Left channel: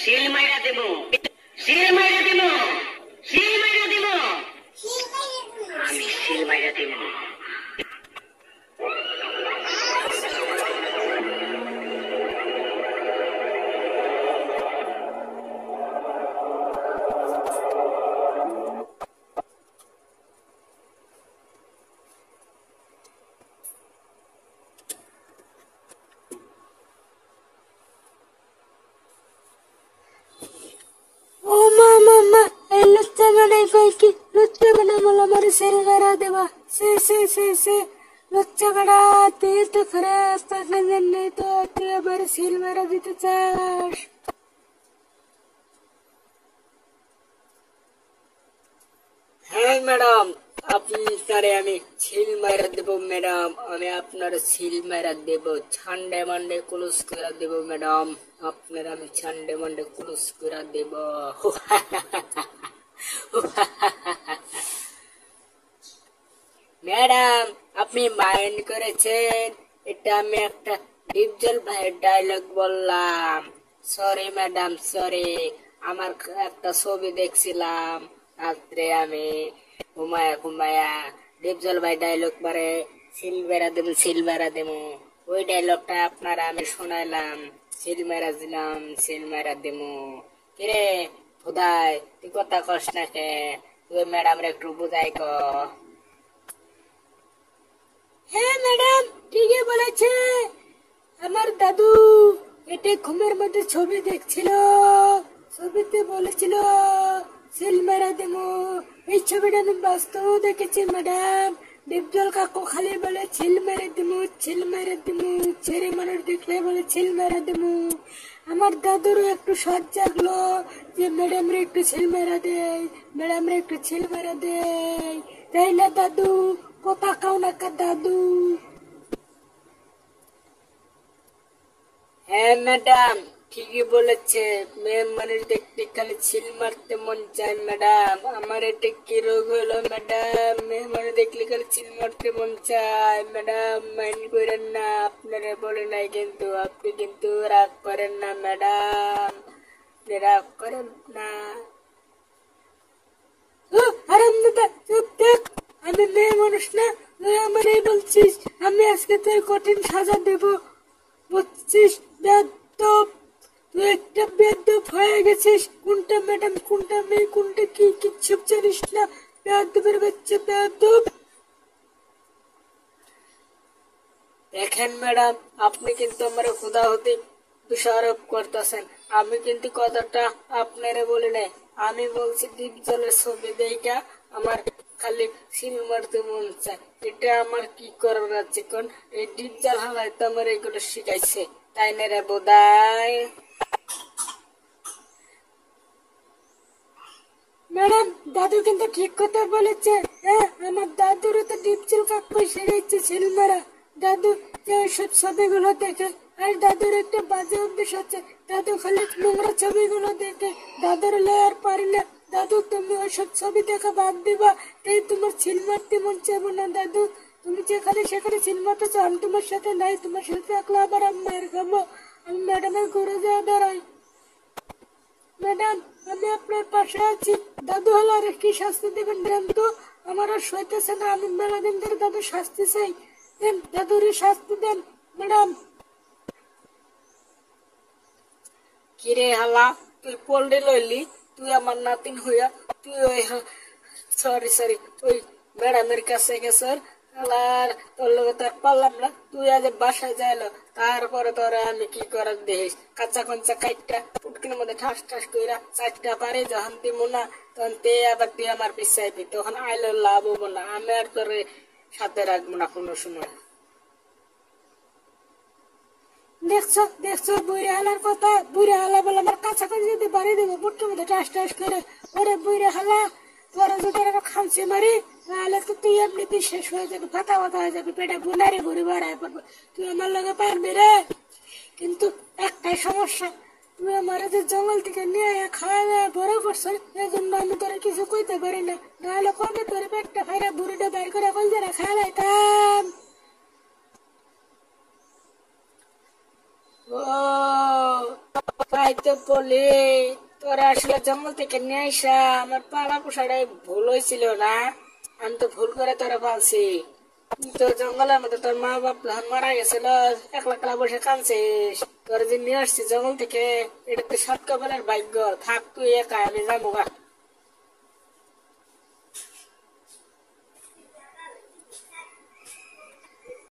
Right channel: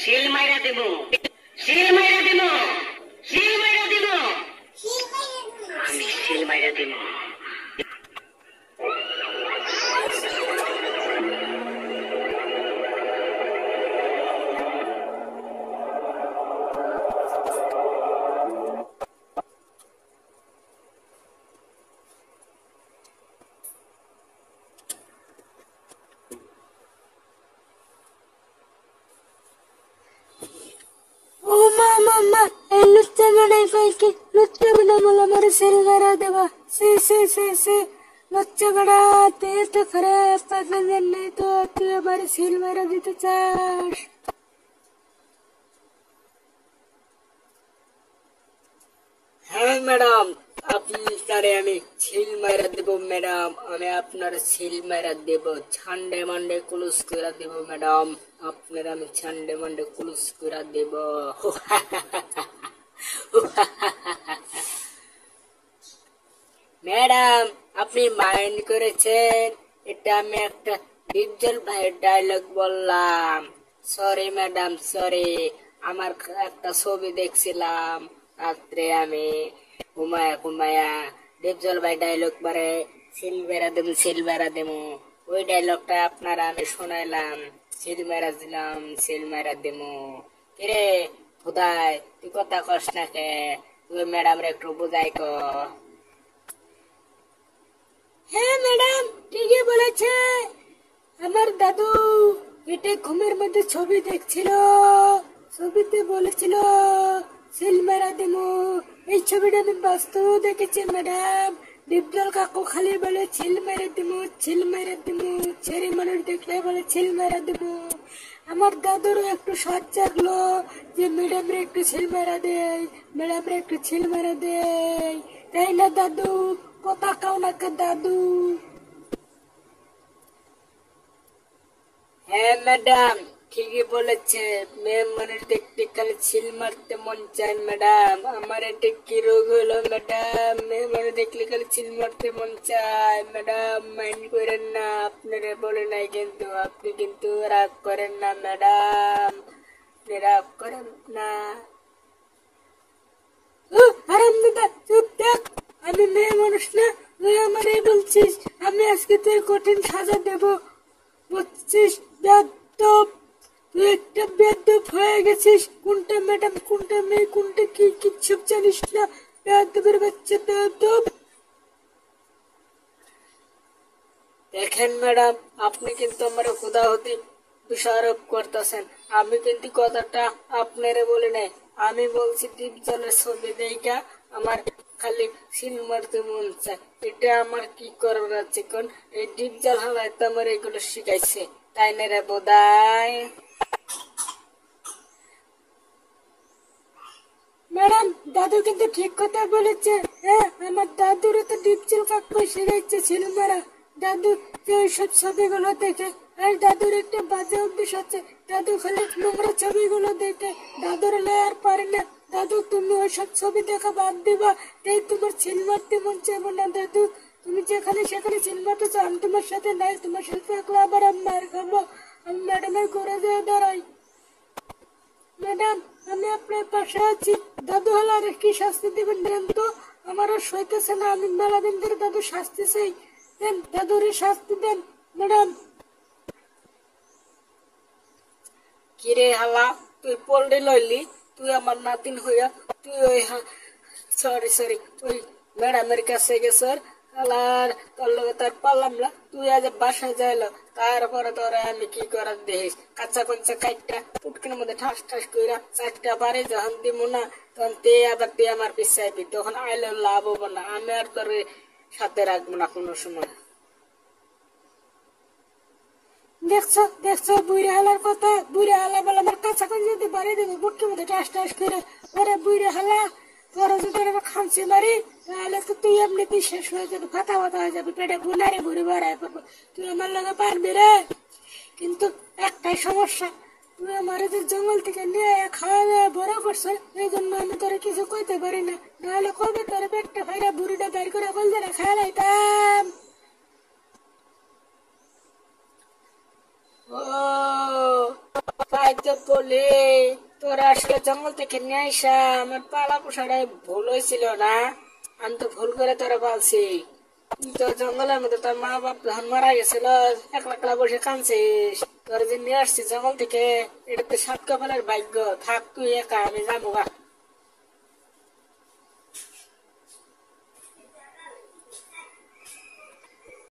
শিল মাইরা দেব, শিল মাইরা দেব, শিল মাইরা দেব, আমি শিল মাইরা দেব। লচ্চা গড়া তুই তো খারাপ পাগলের জন্যই তো তুই আমার সিল মারা দিতে চাস। হ্যাঁ ম্যাডাম, আপনারে আমি সিল মারা দেব ম্যাডাম, আমি আপনার সিল মারা দেব, ছান্ডে মান্ডে কুলুস করে দেব ম্যাডাম, আপনার আমি ছান্ডে মান্ডে কুলুস করে দেব। ম্যাডাম আপনি মাইন্ড করেছেন, এটা আমি একটা ডিপজল ভাইয়ের ডায়লগ বললাম। Sorry madam, sorry. আমার একটা ছবি দেখছিলাম রাত্রে, আমি ঘুমায়া ঘুমায়া ডিপজল ভাই ডায়লগ মারে সিল বেড়া দেবো, সিল বেড়া দেবো, ওই ডায়লগটা আপনারা আমি শোনাইলাম, সিল মেরা দিলাম, সিল মেরা দেবো। কিরে খুদাই তুই কথা কস না কে? তুই ম্যাডাম রে একটু বুঝাই ক। হ্যাঁ ম্যাডাম ঠিকই বলেছে, আমার দাদু এটা ঘুমের মধ্যে ছবি দেখছিল, ছবিতে বলেছিল সিল মেরা দেবো। এই ছবিটা আমি বাস্তব দেখেছি ম্যাডাম। ডিপজল কাকু খালি বলে ছিল মেরে দেবো, ছিল মেরে দেবো, ছেড়ে মানুষ দেখলে বলে ছিল মেরে দেবো। আমার দাদুরও একটু সাজ জাগলো যে ম্যাডাম রে একটু ছিল মেরা দেয়, ম্যাডাম রে একটু ছিল মেরা দেয়, তাই না দাদু? কথা কাও না কা দাদু? হ্যাঁ ম্যাডাম ঠিকই বলেছে, মেয়ে মানুষ দেখতে খালি ছিল মারতে মন চায় ম্যাডাম। আমার এটা কি রোগ হলো ম্যাডাম? মেয়ে মানুষ দেখলে খালি ছিল মারতে মন চায় ম্যাডাম, মাইন্ড করেন না, আপনারা বলে নাই কিন্তু, আপনি কিন্তু রাগ করেন না ম্যাডাম, আপনি রাগ করেন না। আমি মেয়ে মানুষ না, তুই আমার এই বলছিস? আমি আজকে তোর কঠিন সাজা দেব, বুঝছিস? বেয়াদব, তুই একটা বেয়াদব হয়ে গেছিস। কোনটা ম্যাডাম, কোনটা মেয়ে, কোনটা কি কিচ্ছু জানিস না। বেয়াদবের বাচ্চা, বেয়াদব। দেখেন ম্যাডাম, আপনি কিন্তু আমার খুদা হতে দোষারোপ করতেছেন। আমি কিন্তু কথাটা আপনারে বলি নাই, আমি বলছি ডিপজলের ছবি দেখা আমার খালি সিল মারতে মন চায়। এটা আমার কি করার আছে কোন? এই ডিপজল হাওয়াই তো আমার এগুলো শিখাইছে, তাই না রে বোধাই? ম্যাডাম দাদু কিন্তু ঠিক কথা বলেছে। হ্যাঁ, আমার দাদুরও তো ডিপজল কাকু শিখাইছে সিল মারা। দাদু সব ছবিগুলো দেখে, আর দাদুর একটা বাজে অভ্যাস আছে, দাদু খালি নোংরা ছবিগুলো দেখে। দাদুর লেয়ার পারে না। দাদু তুমি ওইসব ছবি দেখা বাদ দিবা, তাই তোমার সিল মারতে মন চাইবো না দাদু। তুমি যেখানে সেখানে সিল মারতে চাও, আমি তোমার সাথে নাই, তোমার সাথে থাকলে আবার আমি মার খাবো। আমি ম্যাডামের ঘুরে যাওয়া দাঁড়াই। ম্যাডাম আমি আপনার পাশে আছি। দাদু হলে আর কি শাস্তি দিবেন দেন তো? আমার আর সইতেছে না, আমি মেলা দিন ধরে দাদু শাস্তি চাই। দেন দাদুর শাস্তি দেন ম্যাডাম। কিরে হালা, তুই পল্টে লইলি? তুই আমার নাতিন হইয়া তুই ওই সরি সরি ওই ম্যাডামের কাছে গেছর, হালার তোর লগে তার পারলাম না। তুই আজ বাসায় যাইলো, তারপরে তোরা আমি কি করার দেখিস, কাঁচা কঞ্চা কাইটটা পুটকের মধ্যে ঠাস ঠাস কইরা চারটা বারে যখন দিব না, তখন তে আবার তুই আমার পিছিয়ে আইবি, তখন আইলো লাভ হবো না। আমি আর তোর সাথে রাখবো না কোনো সময়। দেখছো দেখছো বুড়ি হালার কথা? বুড়ি হালা বলে আমার কাঁচা কাঁচা যদি বাড়ি দেবো বুট্টুর মধ্যে টাস টাস করে। ওরে বুড়ি হালা, তোরা যদি আমার খামচি মারি তাহলে তো তুই এমনিতেই শেষ হয়ে যাবে, ফাতা ফাতা হয়ে যাবে, পেটে বুনারে বুড়ি বাড়ায় পড়বে। তুই আমার লগে পারবি রে, কিন্তু একটাই সমস্যা, তুই আমার যে জঙ্গল থেকে নিয়ে খাওয়া বড় করছ, এই জন্য আমি তোরা কিছু কইতে পারি না, নাহলে কবে তোর পেটটা ফাইরা বুড়িটা বাইর করে কল যারা খাই লাইতাম। ও তাই তো বলি তোরা আসলে জঙ্গল থেকে নিয়ে আসা আমার পাড়া পোষাটাই ভুল হয়েছিল না। আমি তো ভুল করে তোরা বলছি। তো জঙ্গলের মধ্যে তোর মা বাপ যখন মারা গেছিল একলা একলা বসে কাঁদছিস। তোর যে নিয়ে আসছি জঙ্গল থেকে, এটা তো সাত কপালের ভাগ্য। থাক তুই একা, আমি যাবো গা।